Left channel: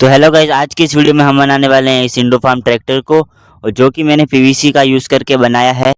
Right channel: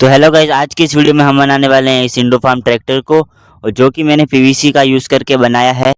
तो hello guys, आज की इस वीडियो में हम बनाने वाले हैं इस इंडो फार्म ट्रैक्टर को, और जो कि मैंने पीवीसी का यूज़ करके बनाया है।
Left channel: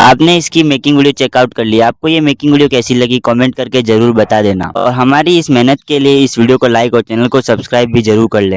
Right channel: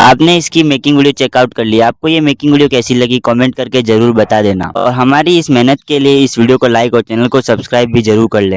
आपने इसकी मेकिंग वीडियो चेकआउट कर लिया। आपको ये मेकिंग वीडियो कैसी लगी कमेंट करके ज़रूर बता देना और हमारी इस मेहनत के लिए इस वीडियो को लाइक और चैनल को सब्सक्राइब भी ज़रूर कर लें।